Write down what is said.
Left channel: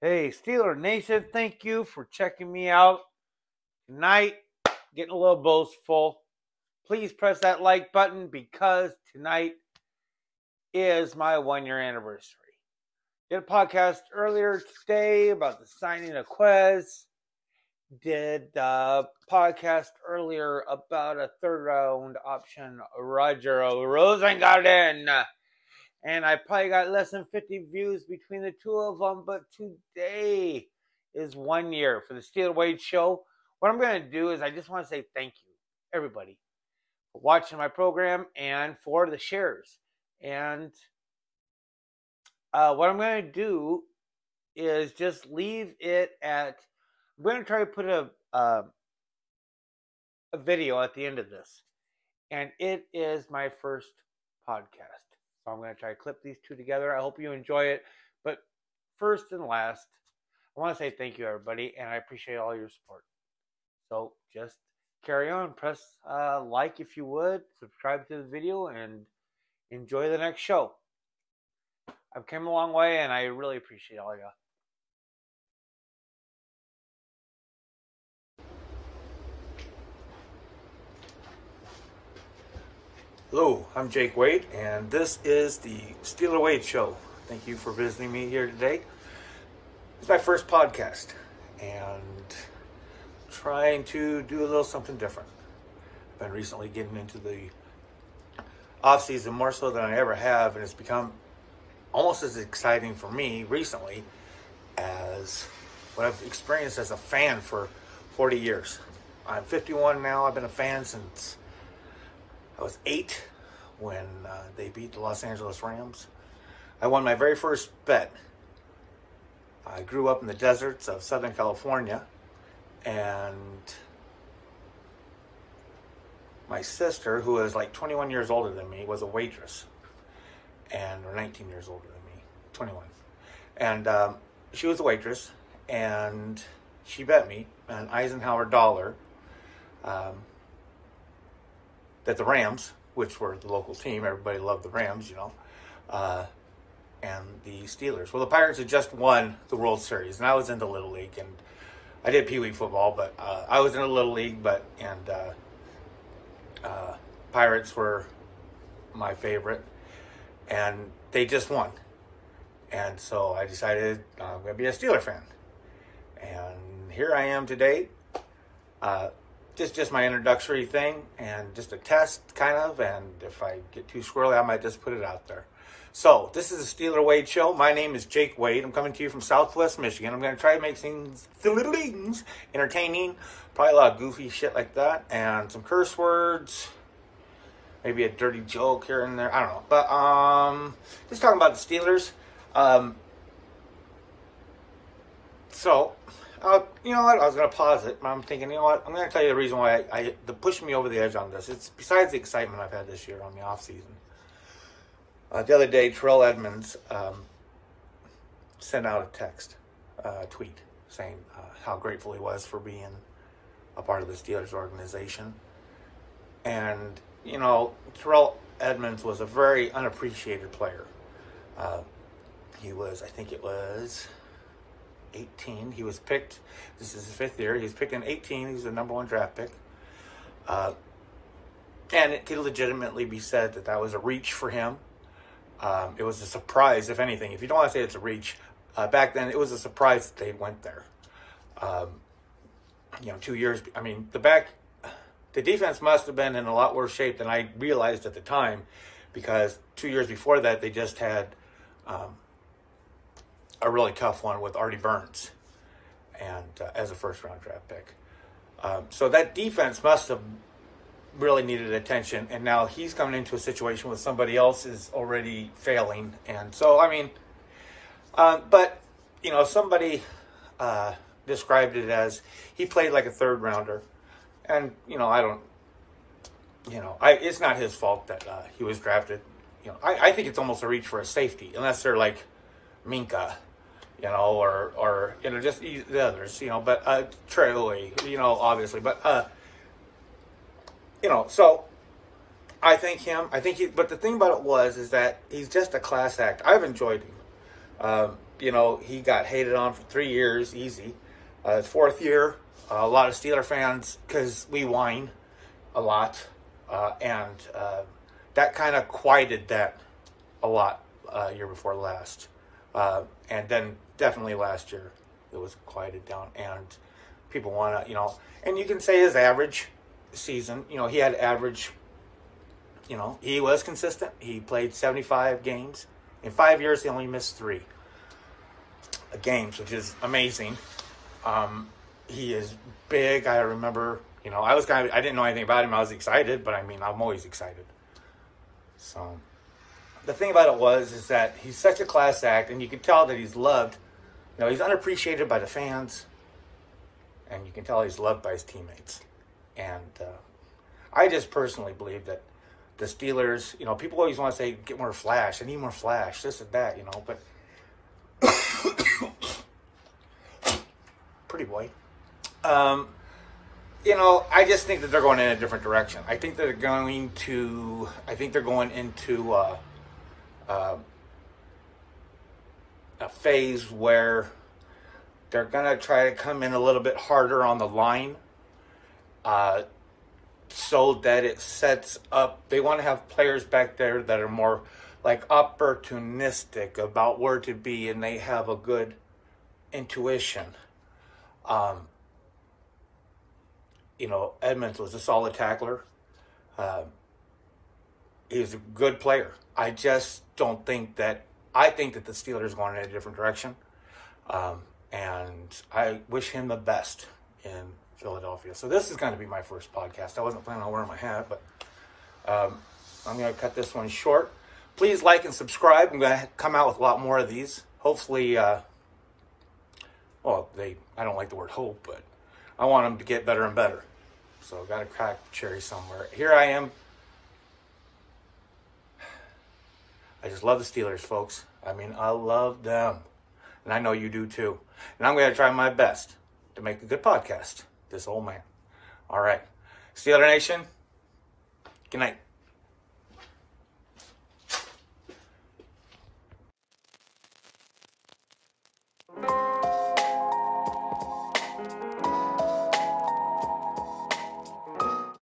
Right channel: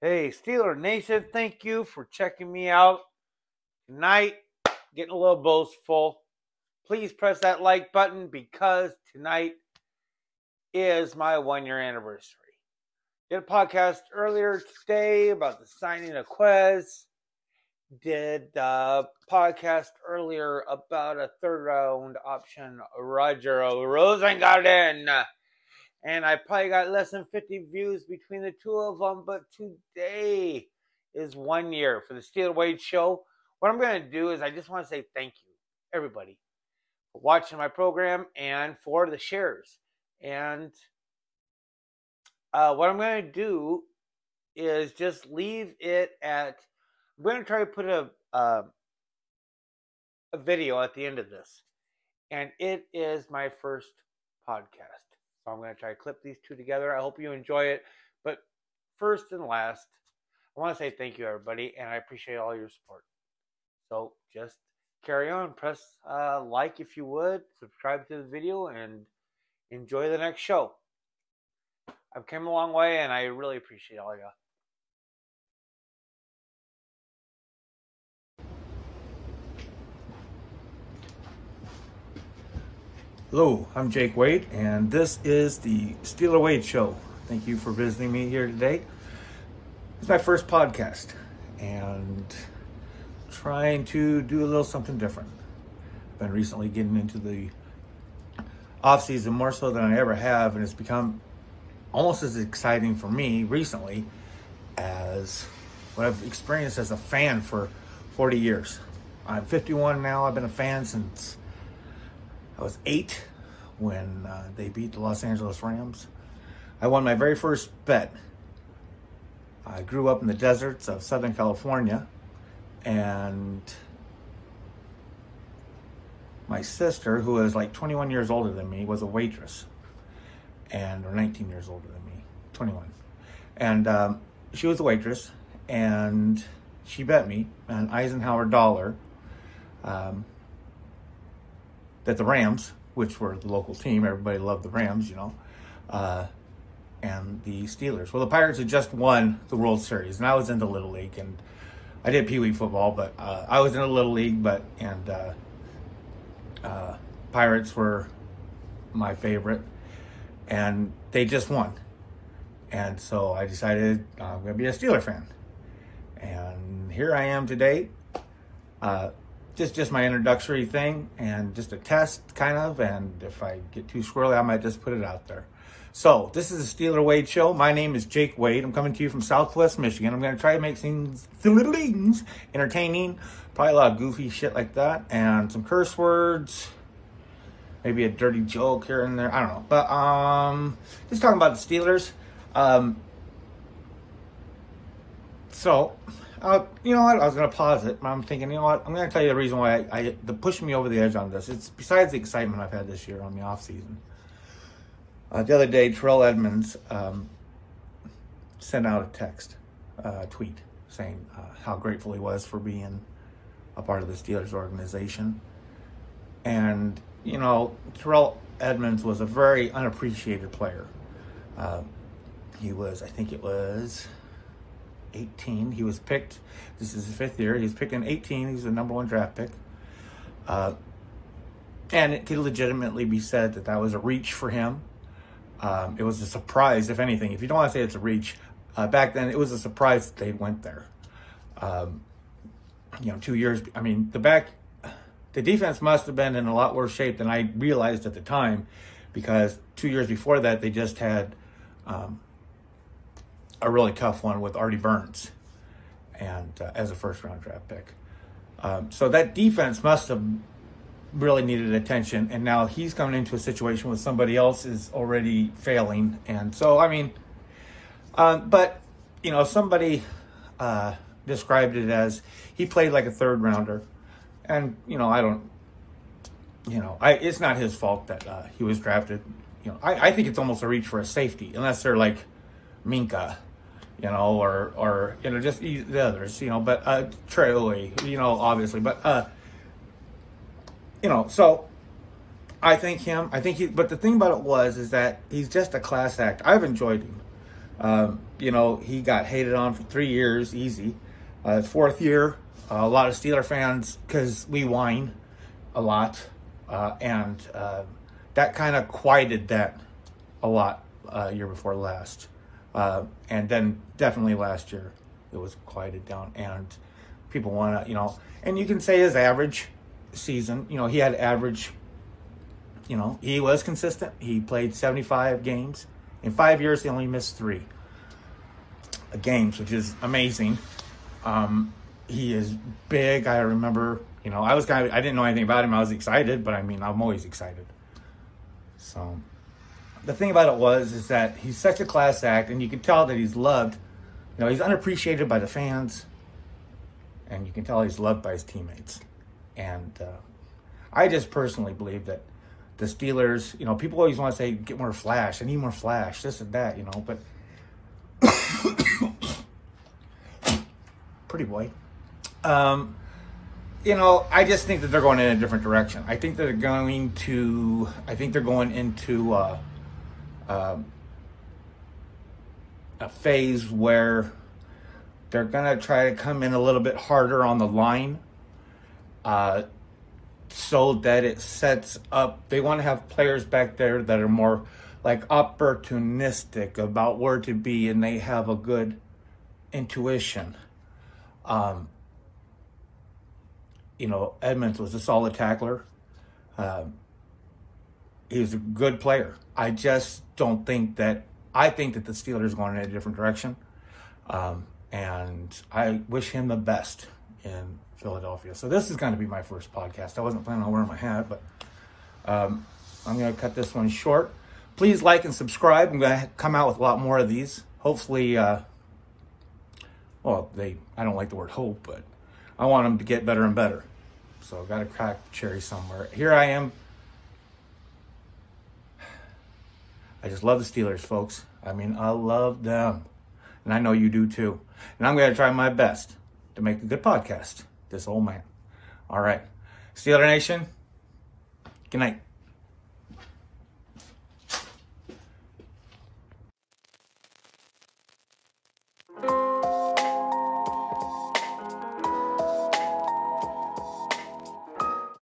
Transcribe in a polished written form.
Hey, Steeler Nation, thank you for checking me out tonight. Getting a little boastful. Please press that like button because tonight is my 1 year anniversary. Did a podcast earlier today about the signing of Quez. Did a podcast earlier about a third round option, Roger Rosengarten. And I probably got less than 50 views between the two of them. But today is 1 year for the Steeler Wade Show. What I'm going to do is I just want to say thank you, everybody, for watching my program and for the shares. And what I'm going to do is just leave it at, I'm going to try to put a video at the end of this. And it is my first podcast. So I'm going to try to clip these two together. I hope you enjoy it. But first and last, I want to say thank you, everybody, and I appreciate all your support. So just carry on. Press like if you would. Subscribe to the video and enjoy the next show. I've come a long way, and I really appreciate all of you. Hello, I'm Jake Wade, and this is the Steeler Wade Show. Thank you for visiting me here today. It's my first podcast, and trying to do a little something different. I've been recently getting into the off-season more so than I ever have, and it's become almost as exciting for me recently as what I've experienced as a fan for 40 years. I'm 51 now. I've been a fan since I was 8 when they beat the Los Angeles Rams. I won my very first bet. I grew up in the deserts of Southern California, and my sister, who was like 21 years older than me, was a waitress, or 19 years older than me, 21. And she was a waitress, and she bet me an Eisenhower dollar that the Rams, which were the local team, everybody loved the Rams, you know, and the Steelers. Well, the Pirates had just won the World Series, and I was in the Little League, and I did Pee Wee football, but I was in the Little League, and Pirates were my favorite, and they just won. And so I decided I'm going to be a Steeler fan. And here I am today. Just my introductory thing and just a test kind of, and if I get too squirrely, I might just put it out there. So this is the Steeler Wade Show. My name is Jake Wade. I'm coming to you from Southwest Michigan. I'm going to try to make things entertaining, probably a lot of goofy shit like that, and some curse words, maybe a dirty joke here and there. I don't know, but just talking about the Steelers. You know what? I was going to pause it, but I'm thinking, you know what? I'm going to tell you the reason why the pushing me over the edge on this. It's besides the excitement I've had this year on the off season. The other day, Terrell Edmonds sent out a tweet saying how grateful he was for being a part of the Steelers organization. And, you know, Terrell Edmonds was a very unappreciated player. He was, I think it was 18. He was picked, this is his 5th year, he was picked in 18. He was the #1 draft pick. And it could legitimately be said that that was a reach for him. It was a surprise, if anything. If you don't want to say it's a reach, back then it was a surprise that they went there. You know, 2 years, I mean, the defense must have been in a lot worse shape than I realized at the time, because 2 years before that, they just had a really tough one with Artie Burns and as a first-round draft pick. So that defense must have really needed attention, and now he's coming into a situation where somebody else is already failing. And so, I mean, but, you know, somebody described it as he played like a third-rounder. And, you know, I don't, you know, it's not his fault that he was drafted. You know, I think it's almost a reach for a safety, unless they're like Minka, you know, or you know, just the others, you know, but Trey, you know, obviously, but you know, so I think but the thing about it is that he's just a class act. I've enjoyed him. You know, he got hated on for 3 years, easy. His 4th year, a lot of Steeler fans, because we whine a lot, and that kind of quieted that a lot year before last. And then definitely last year, it was quieted down, and people want to, you know, and you can say his average season, you know, he had average, you know, he was consistent. He played 75 games. In 5 years, he only missed 3 games, which is amazing. He is big. I remember, you know, I didn't know anything about him. I was excited, but I mean, I'm always excited. So the thing about it is that he's such a class act, and you can tell that he's loved. You know, he's unappreciated by the fans, and you can tell he's loved by his teammates. And I just personally believe that the Steelers, you know, people always want to say, get more flash, I need more flash, this and that, you know, but pretty boy. You know, I just think that they're going in a different direction. I think they're going into a phase where they're going to try to come in a little bit harder on the line, so that it sets up, they want to have players back there that are more like opportunistic about where to be, and they have a good intuition. You know, Edmonds was a solid tackler. He was a good player. I just don't think that, I think that the Steelers are going in a different direction. And I wish him the best in Philadelphia. So this is going to be my first podcast. I wasn't planning on wearing my hat, but I'm going to cut this one short. Please like and subscribe. I'm going to come out with a lot more of these. Hopefully, well, I don't like the word hope, but I want them to get better and better. So I've got to crack the cherry somewhere. Here I am. I just love the Steelers, folks. I mean, I love them. And I know you do too. And I'm going to try my best to make a good podcast. This old man. All right. Steeler Nation, good night.